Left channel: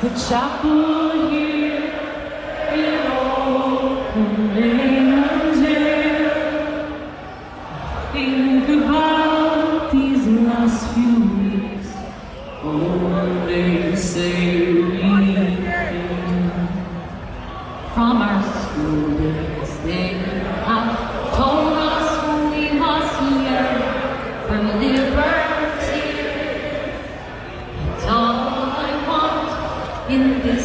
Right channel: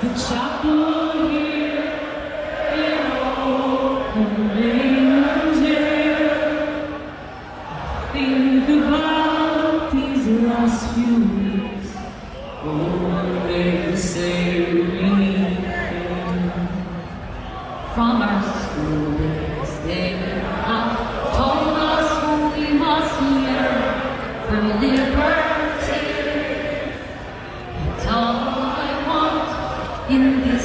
The chapel here in open until think about these last few weeks. Oh, they say from our school days, they told us we must learn from the adversity. It's all I want in this